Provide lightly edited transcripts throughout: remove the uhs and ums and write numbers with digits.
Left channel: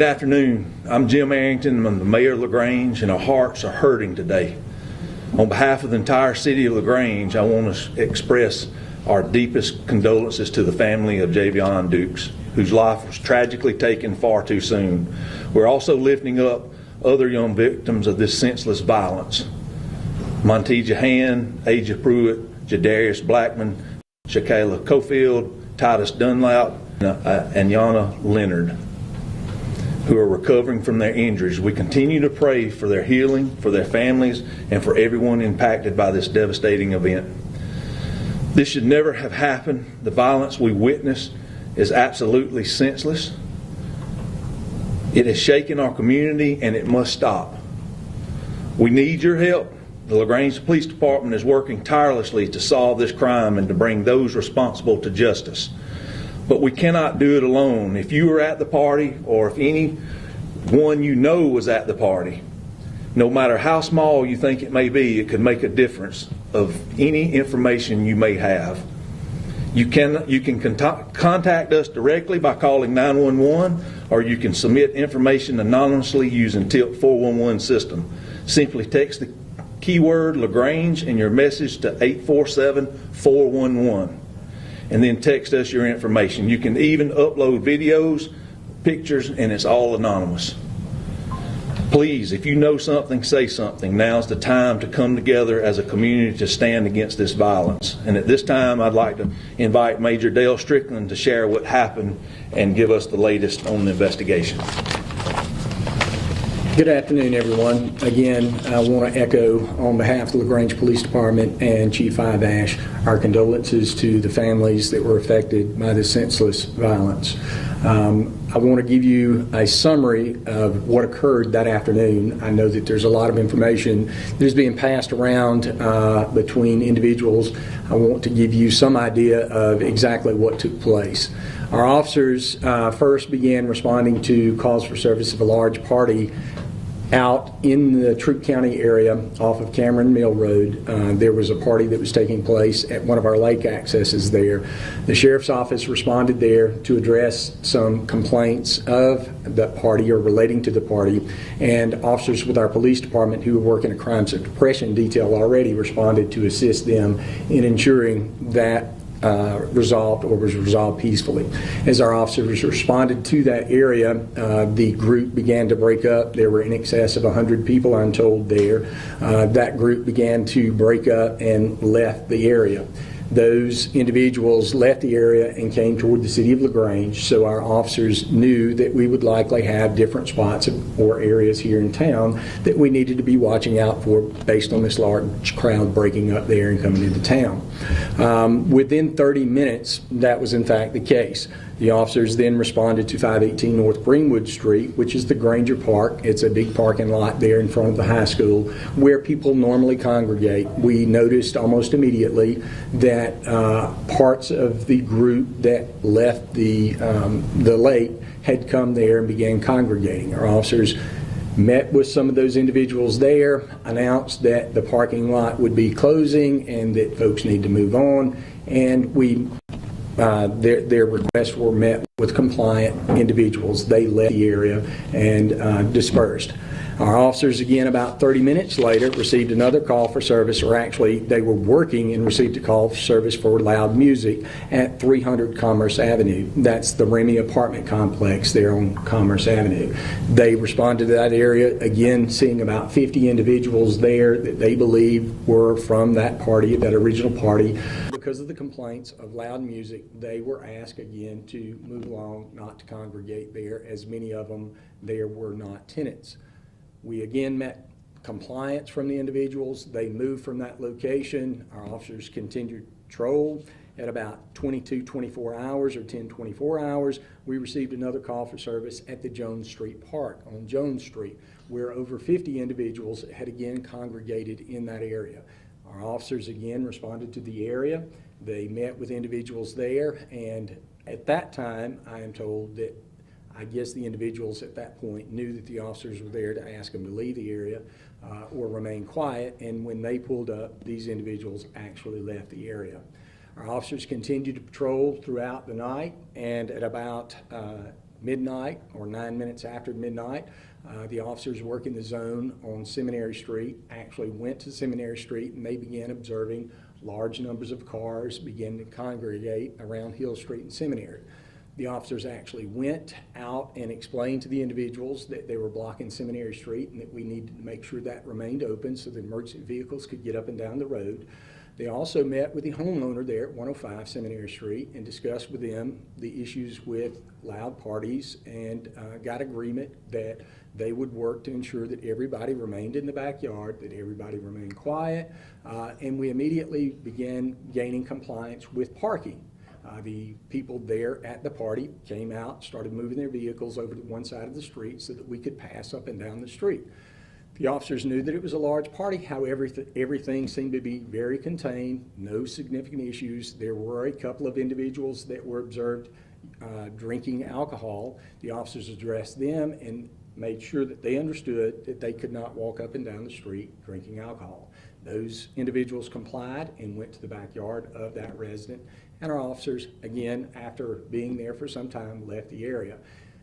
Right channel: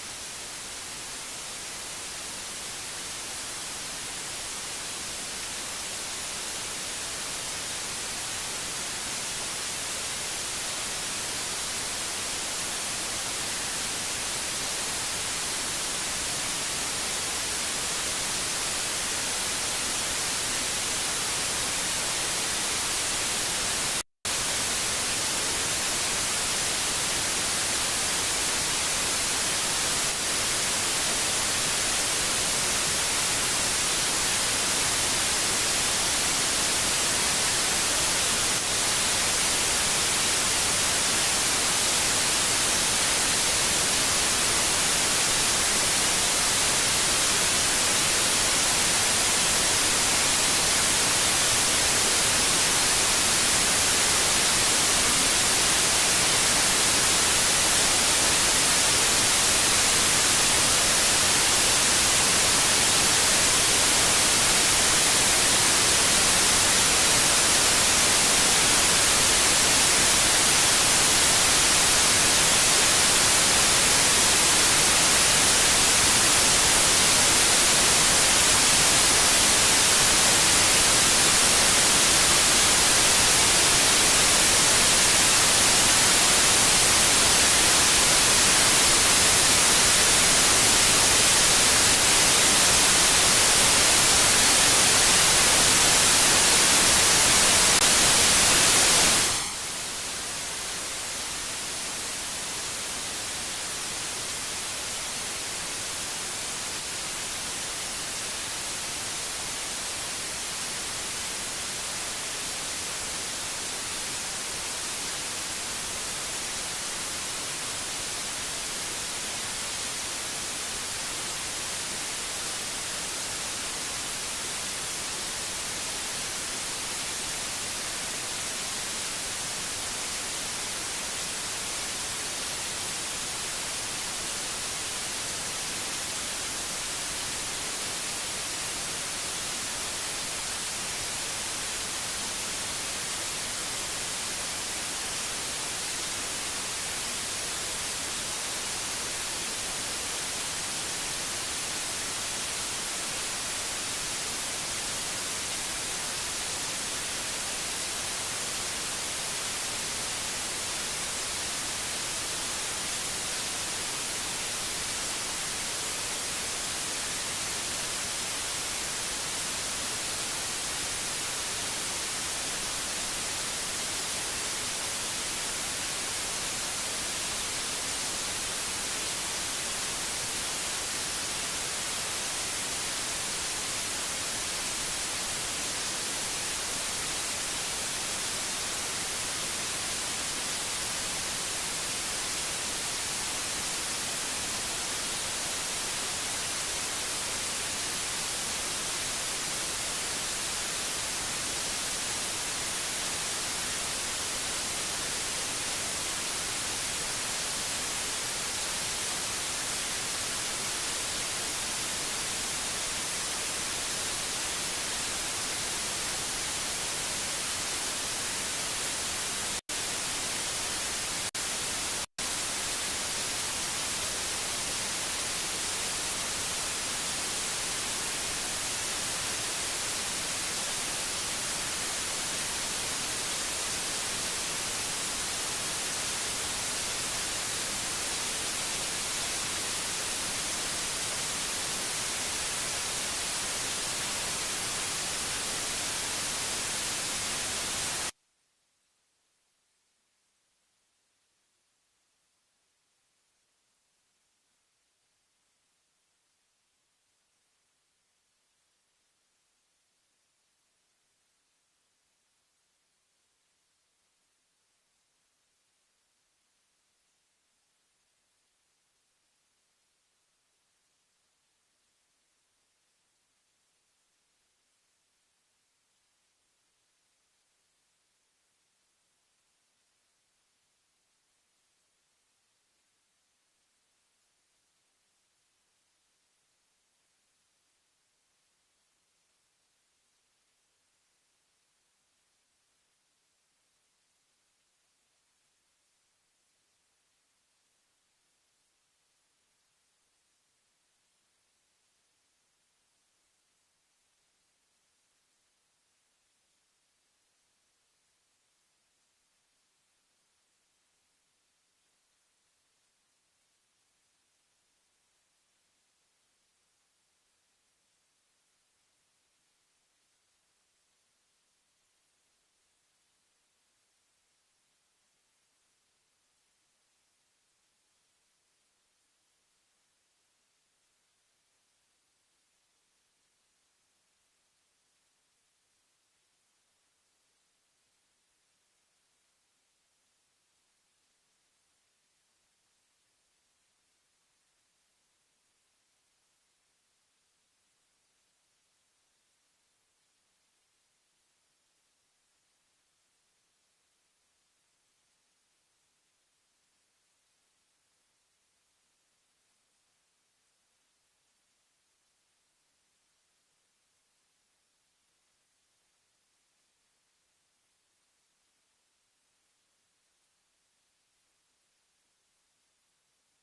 Good afternoon. I'm Jim Arrington. I'm the mayor of LaGrange, and our hearts are hurting today. On behalf of the entire city of LaGrange, I want to express our deepest condolences to the family of Javion Dukes, whose life was tragically taken far too soon. We're also lifting up other young victims of this senseless violence. Montija Hand, Aja Pruitt, Jadarius Blackman, Shakayla Cofield, Titus Dunlap, and Yana Leonard, who are recovering from their injuries. We continue to pray for their healing, for their families, and for everyone impacted by this devastating event. This should never have happened. The violence we witnessed is absolutely senseless. It has shaken our community, and it must stop. We need your help. The LaGrange Police Department is working tirelessly to solve this crime and to bring those responsible to justice. But we cannot do it alone. If you were at the party, or if anyone you know was at the party, no matter how small you think it may be, it can make a difference of any information you may have. You can contact us directly by calling 911, or you can submit information anonymously using Tilt 411 system. Simply text the keyword LaGrange in your message to 847-411. and then text us your information. You can even upload videos, pictures, and it's all anonymous. Please, if you know something, say something. Now's the time to come together as a community to stand against this violence. And at this time, I'd like to invite Major Dale Strickland to share what happened and give us the latest on the investigation. Good afternoon, everyone. Again, I want to echo on behalf of the LaGrange Police Department and Chief Idash our condolences to the families that were affected by this senseless violence. I want to give you a summary of what occurred that afternoon. I know that there's a lot of information that is being passed around between individuals. I want to give you some idea of exactly what took place. Our officers first began responding to calls for service of a large party out in the Troup County area off of Cameron Mill Road. There was a party that was taking place at one of our lake accesses there. The Sheriff's Office responded there to address some complaints of that party or relating to the party, and officers with our police department who were working a crime suppression detail already responded to assist them in ensuring that was resolved peacefully. As our officers responded to that area, the group began to break up. There were in excess of 100 people, I'm told, there. That group began to break up and left the area. Those individuals left the area and came toward the city of LaGrange, so our officers knew that we would likely have different spots or areas here in town that we needed to be watching out for based on this large crowd breaking up there and coming into town. Within 30 minutes, that was in fact the case. The officers then responded to 518 North Greenwood Street, which is the Granger Park. It's a big parking lot there in front of the high school where people normally congregate. We noticed almost immediately that parts of the group that left the lake had come there and began congregating. Our officers met with some of those individuals there, announced that the parking lot would be closing and that folks need to move on, and their requests were met with compliant individuals. They left the area and dispersed. Our officers, again, about 30 minutes later, received another call for service, or actually they were working and received a call for service for loud music at 300 Commerce Avenue. That's the Remy apartment complex there on Commerce Avenue. They responded to that area, again, seeing about 50 individuals there that they believed were from that party, that original party. Because of the complaints of loud music, they were asked again to move along, not to congregate there, as many of them there were not tenants. We again met compliance from the individuals. They moved from that location. Our officers continued patrol. At about 24 hours or 10-24 hours, we received another call for service at the Jones Street Park on Jones Street, where over 50 individuals had again congregated in that area. Our officers again responded to the area. They met with individuals there, and at that time, I am told that I guess the individuals at that point knew that the officers were there to ask them to leave the area or remain quiet, and when they pulled up, these individuals actually left the area. Our officers continued to patrol throughout the night, and at about midnight or 9 minutes after midnight, the officers working the zone on Seminary Street actually went to Seminary Street, and they began observing large numbers of cars begin to congregate around Hill Street and Seminary. The officers actually went out and explained to the individuals that they were blocking Seminary Street and that we needed to make sure that remained open so that emergency vehicles could get up and down the road. They also met with the homeowner there at 105 Seminary Street and discussed with them the issues with loud parties, and got agreement that they would work to ensure that everybody remained in the backyard, that everybody remained quiet, and we immediately began gaining compliance with parking. The people there at the party came out, started moving their vehicles over to one side of the street so that we could pass up and down the street. The officers knew that it was a large party, however, everything seemed to be very contained, no significant issues. There were a couple of individuals that were observed drinking alcohol. The officers addressed them and made sure that they understood that they could not walk up and down the street drinking alcohol. Those individuals complied and went to the backyard of that resident, and our officers, again, after being there for some time, left the area.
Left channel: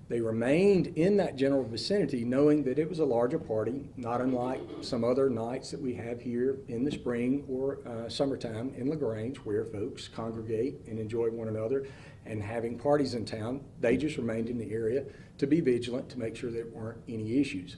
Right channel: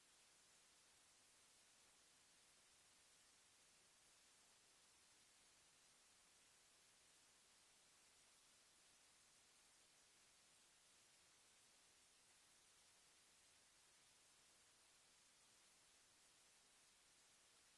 They remained in that general vicinity knowing that it was a larger party, not unlike some other nights that we have here in the spring or summertime in LaGrange, where folks congregate and enjoy one another and having parties in town. They just remained in the area to be vigilant to make sure there weren't any issues.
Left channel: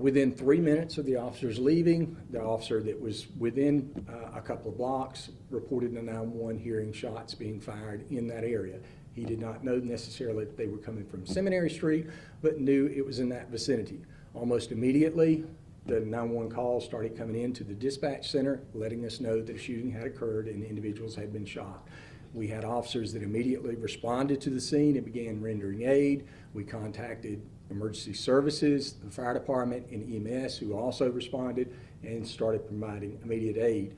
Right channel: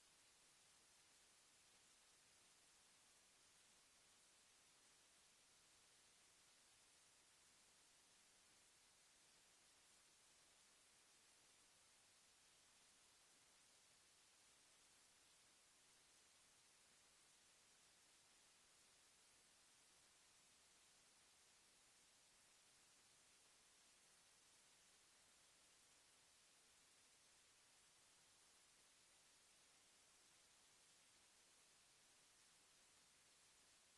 Within 3 minutes of the officers leaving, the officer that was within a couple of blocks reported to 911 hearing shots being fired in that area. He did not know necessarily that they were coming from Seminary Street, but knew it was in that vicinity. Almost immediately, the 911 calls started coming into the dispatch center, letting us know that a shooting had occurred and individuals had been shot. We had officers that immediately responded to the scene and began rendering aid. We contacted emergency services, the fire department, and EMS, who also responded and started providing immediate aid.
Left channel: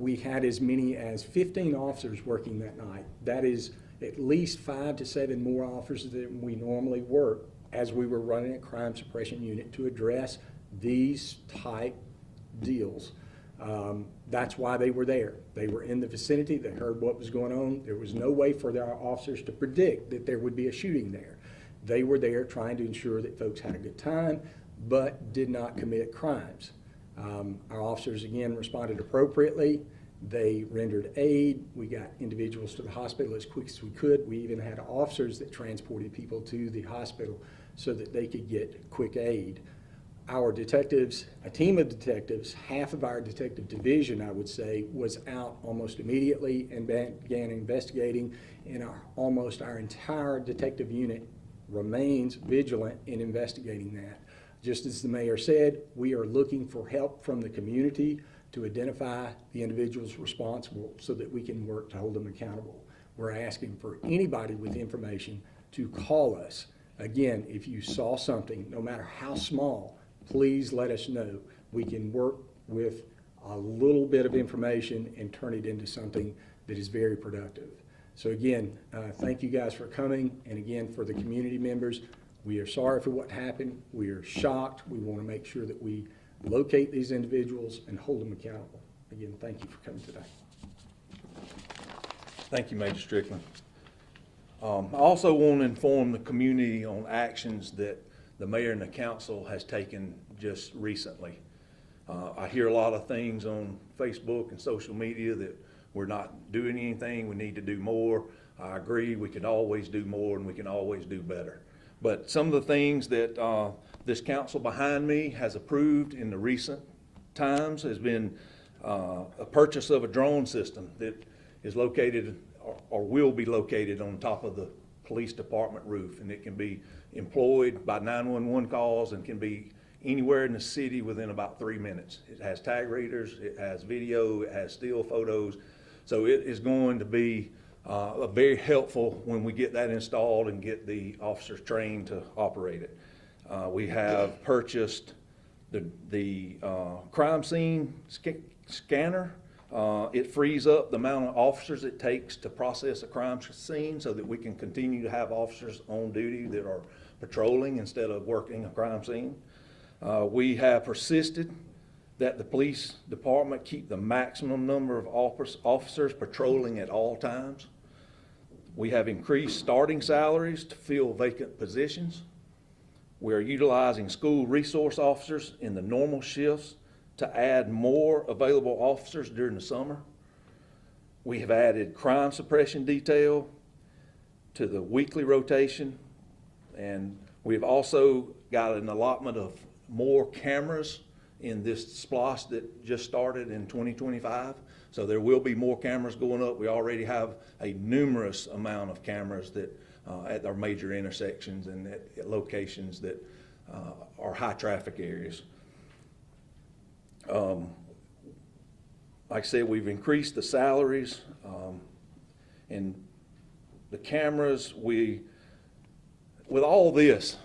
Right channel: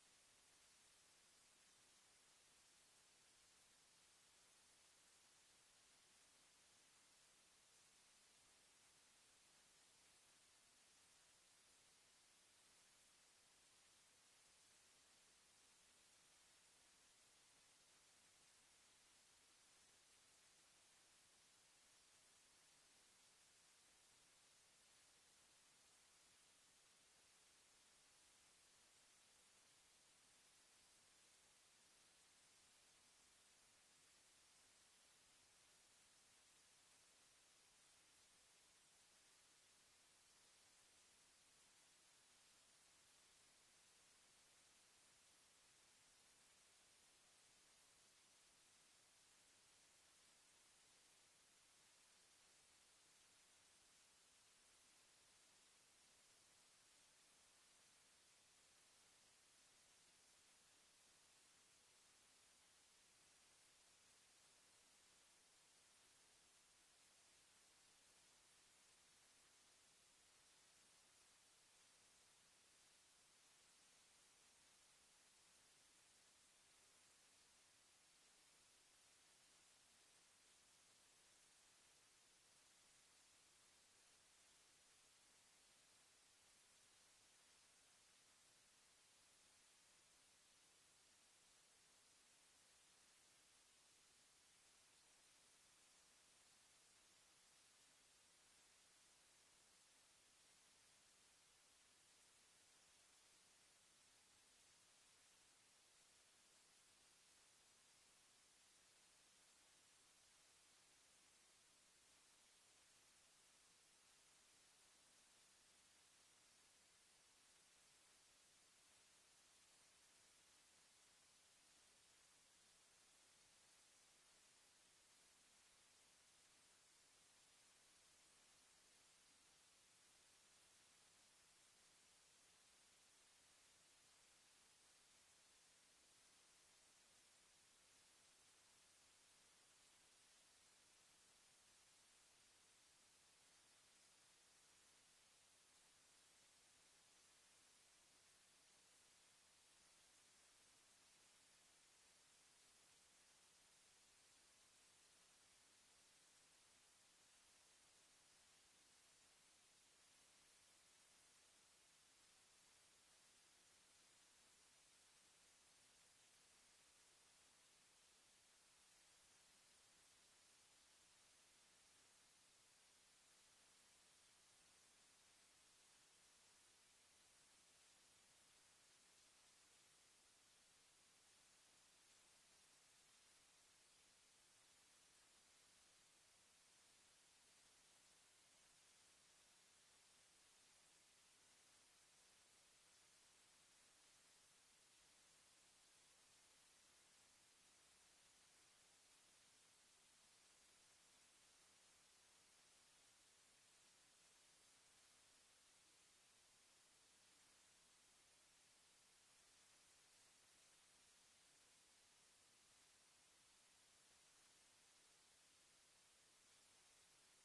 We had as many as 15 officers working that night. That is at least 5 to 7 more officers than we normally work, as we were running a crime suppression unit to address these type deals. That's why they were there. They were in the vicinity. They heard what was going on. There was no way for our officers to predict that there would be a shooting there. They were there trying to ensure that folks had a good time, but did not commit crimes. Our officers, again, responded appropriately. They rendered aid. We got individuals to the hospital as quick as we could. We even had officers that transported people to the hospital so that they could get quick aid. Our detectives, a team of detectives, half of our detective division, I would say, was out almost immediately and began investigating, and almost our entire detective unit remains vigilant in investigating that. Just as the mayor said, we are looking for help from the community to identify the individuals responsible so that we can work to hold them accountable. We're asking for anybody with information to call us. Again, if you saw something, no matter how small, please let us know. We can work with a little bit of information and turn it into something that is very productive. So again, thank you guys for coming, and again, for the community members, we are sorry for what happened. We are shocked. We want to make sure that we locate these individuals and hold them accountable. Again, thank you for coming today. Thank you, Major Strickland. I also want to inform the community on actions that the mayor and the council has taken just recently. I hear a lot of things on Facebook and social media that we're not doing anything, we need to do more. I agree, we can always do more and we can always do better. But some of the things that this council behind me has approved in the recent times has been a purchase of a drone system that is located or will be located on top of the police department roof, and it can be employed by 911 calls and can be anywhere in the city within about 3 minutes. It has tag readers, it has video, it has still photos, so it is going to be very helpful when we get that installed and get the officers trained to operate it. We have purchased the crime scene scanner. It frees up the amount of officers it takes to process a crime scene so that we can continue to have officers on duty that are patrolling instead of working a crime scene. We have persisted that the police department keep the maximum number of officers patrolling at all times. We have increased starting salaries to fill vacant positions. We are utilizing school resource officers in the normal shifts to add more available officers during the summer. We have added crime suppression detail to the weekly rotation, and we've also got an allotment of more cameras in this SPLOST that just started in 2025. So there will be more cameras going up. We already have a numerous amount of cameras that at our major intersections and at locations that are high traffic areas. Like I said, we've increased the salaries and the cameras. With all this,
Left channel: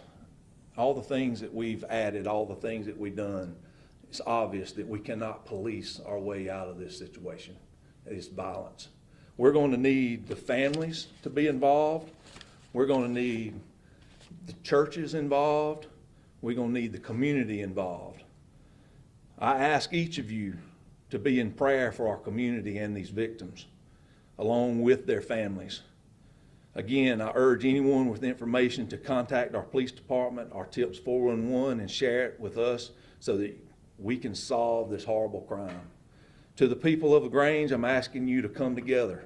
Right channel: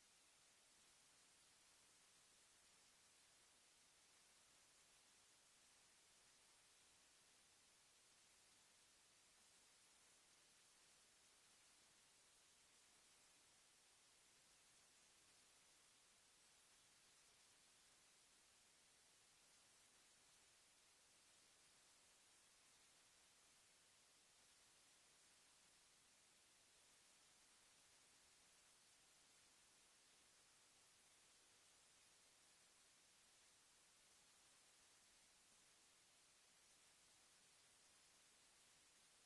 all the things that we've added, all the things that we've done, it's obvious that we cannot police our way out of this situation, this violence. We're going to need the families to be involved. We're going to need the churches involved. We're going to need the community involved. I ask each of you to be in prayer for our community and these victims, along with their families. Again, I urge anyone with information to contact our police department, our TIPS 411, and share it with us so that we can solve this horrible crime. To the people of LaGrange, I'm asking you to come together.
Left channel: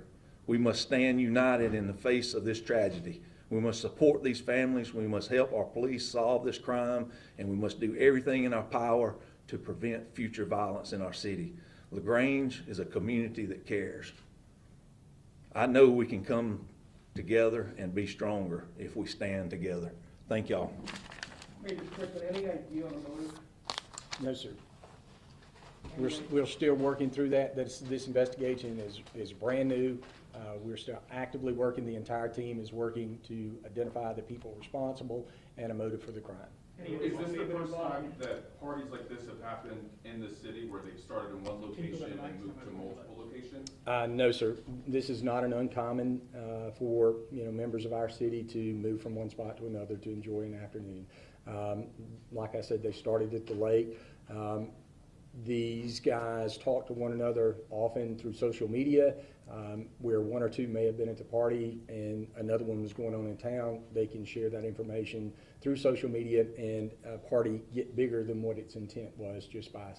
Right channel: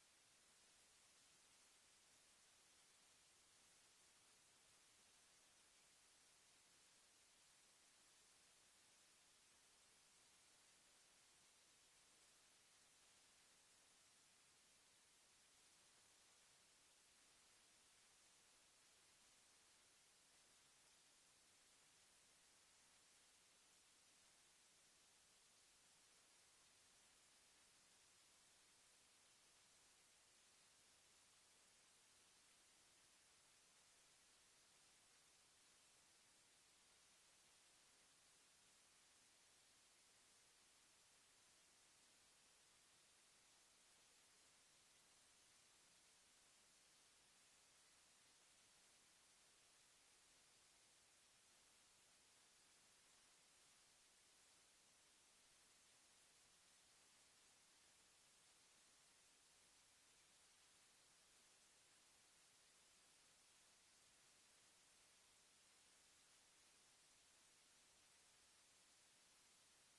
We must stand united in the face of this tragedy. We must support these families. We must help our police solve this crime, and we must do everything in our power to prevent future violence in our city. LaGrange is a community that cares. I know we can come together and be stronger if we stand together. Thank y'all. Maybe quickly, any idea on the motive? No, sir. We're still working through that. This investigation is brand new. We're still actively working. The entire team is working to identify the people responsible and a motive for the crime. Is this the first time that parties like this have happened in the city where they've started in one location and moved to multiple locations? No, sir. This is not an uncommon for members of our city to move from one spot to another to enjoy an afternoon. Like I said, they started at the lake. These guys talk to one another often through social media, where one or two may have been at the party and another one was going on in town. They can share that information through social media, and a party get bigger than what its intent was just by,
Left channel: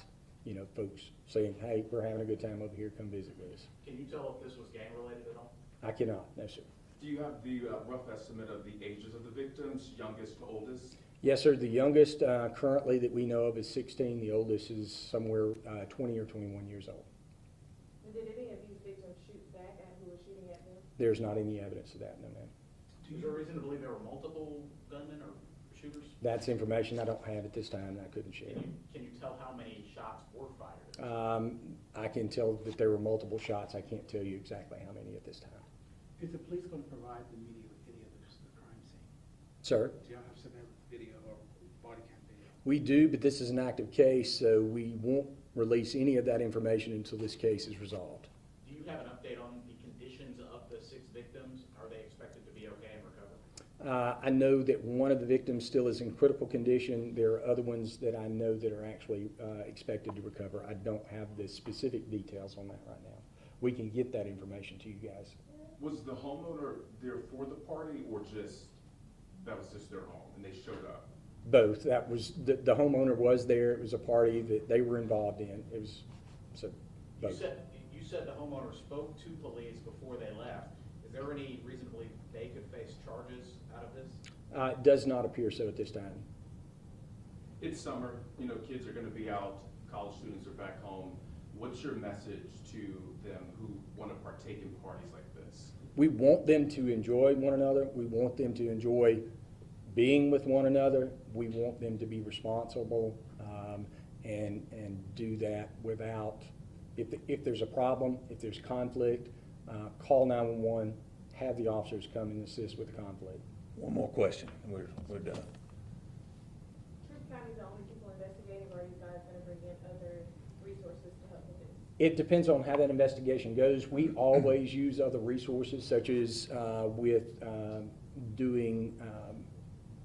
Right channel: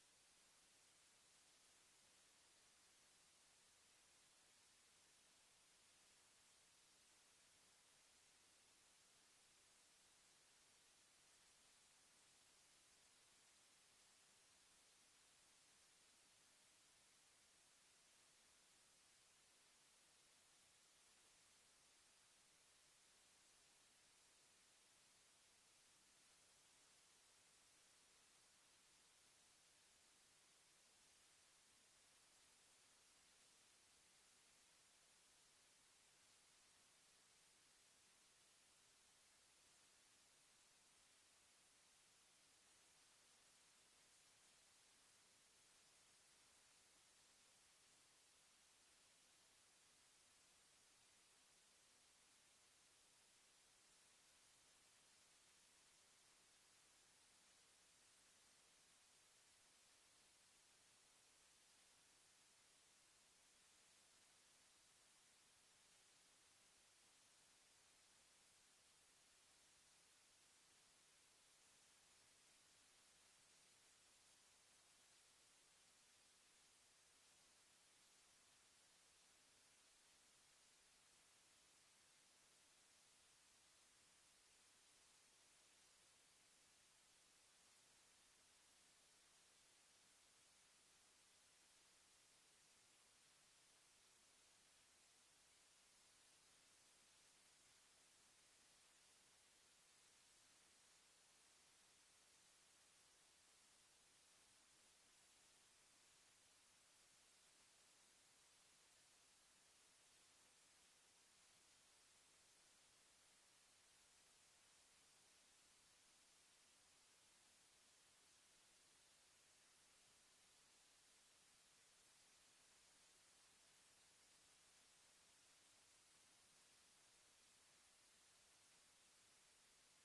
folks saying, hey, we're having a good time over here, come visit with us. Can you tell if this was gang related at all? I cannot, no, sir. Do you have the rough estimate of the ages of the victims, youngest to oldest? Yes, sir. The youngest currently that we know of is 16. The oldest is somewhere 20 or 21 years old. And did any of these victims shoot back at who was shooting at them? There's not any evidence of that, no, ma'am. Is there a reason to believe there were multiple gunmen or shooters? That's information I don't have at this time that I couldn't share. Can you tell how many shots were fired? I can tell that there were multiple shots. I can't tell you exactly how many at this time. Is the police going to provide the media with video of the crime scene? Sir? Do y'all have some video or body cam video? We do, but this is an active case, so we won't release any of that information until this case is resolved. Do you have an update on the conditions of the 6 victims? Are they expected to be okay and recover? I know that one of the victims still is in critical condition. There are other ones that I know that are actually expected to recover. I don't have the specific details on that right now. We can get that information to you guys. Was the homeowner there for the party or that was just their home and they showed up? Both. That was the homeowner was there. It was a party that they were involved in. It was both. You said the homeowner spoke to police before they left. Is there any reason to believe they could face charges out of this? It does not appear so at this time. It's summer, kids are going to be out, college students are back home. What's your message to them who want to partake in parties like this? We want them to enjoy one another. We want them to enjoy being with one another. We want them to be responsible and do that without, if there's a problem, if there's conflict, call 911, have the officers come and assist with the conflict. One more question, and we're done. Truth County is the only people investigating, or are you guys going to bring in other resources to help with this? It depends on how that investigation goes. We always use other resources, such as with doing,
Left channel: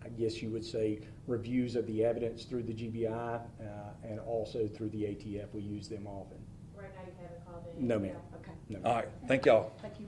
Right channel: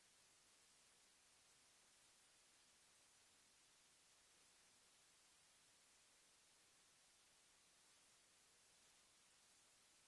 I guess you would say, reviews of the evidence through the GBI and also through the ATF. We use them often. Right now you haven't called in? No, ma'am. Okay. No. All right, thank y'all. Thank you.